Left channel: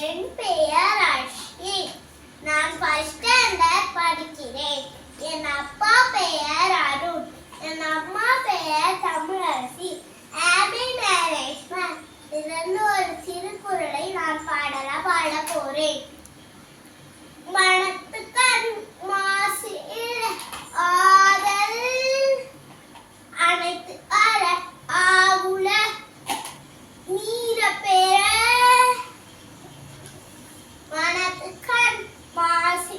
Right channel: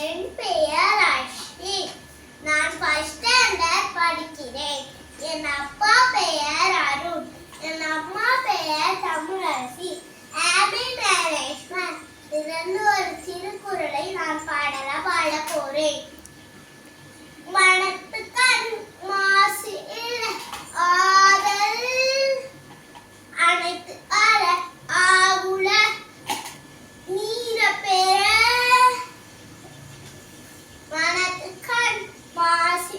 என் பெயர் அஸ்வின். நான் first standard படிக்கிறேன். என் அப்பா பெயர் அருண். என் அம்மா பெயர் தமிழரசி. Happy management. இதிலிருந்து ஒரு திருக்குறளை நான் பாட போறேன். மனத்துக்கண் மாசு ஆதல் அனைத்து அற ஆகுல நீர பெற மனத்துக்கண் மாசு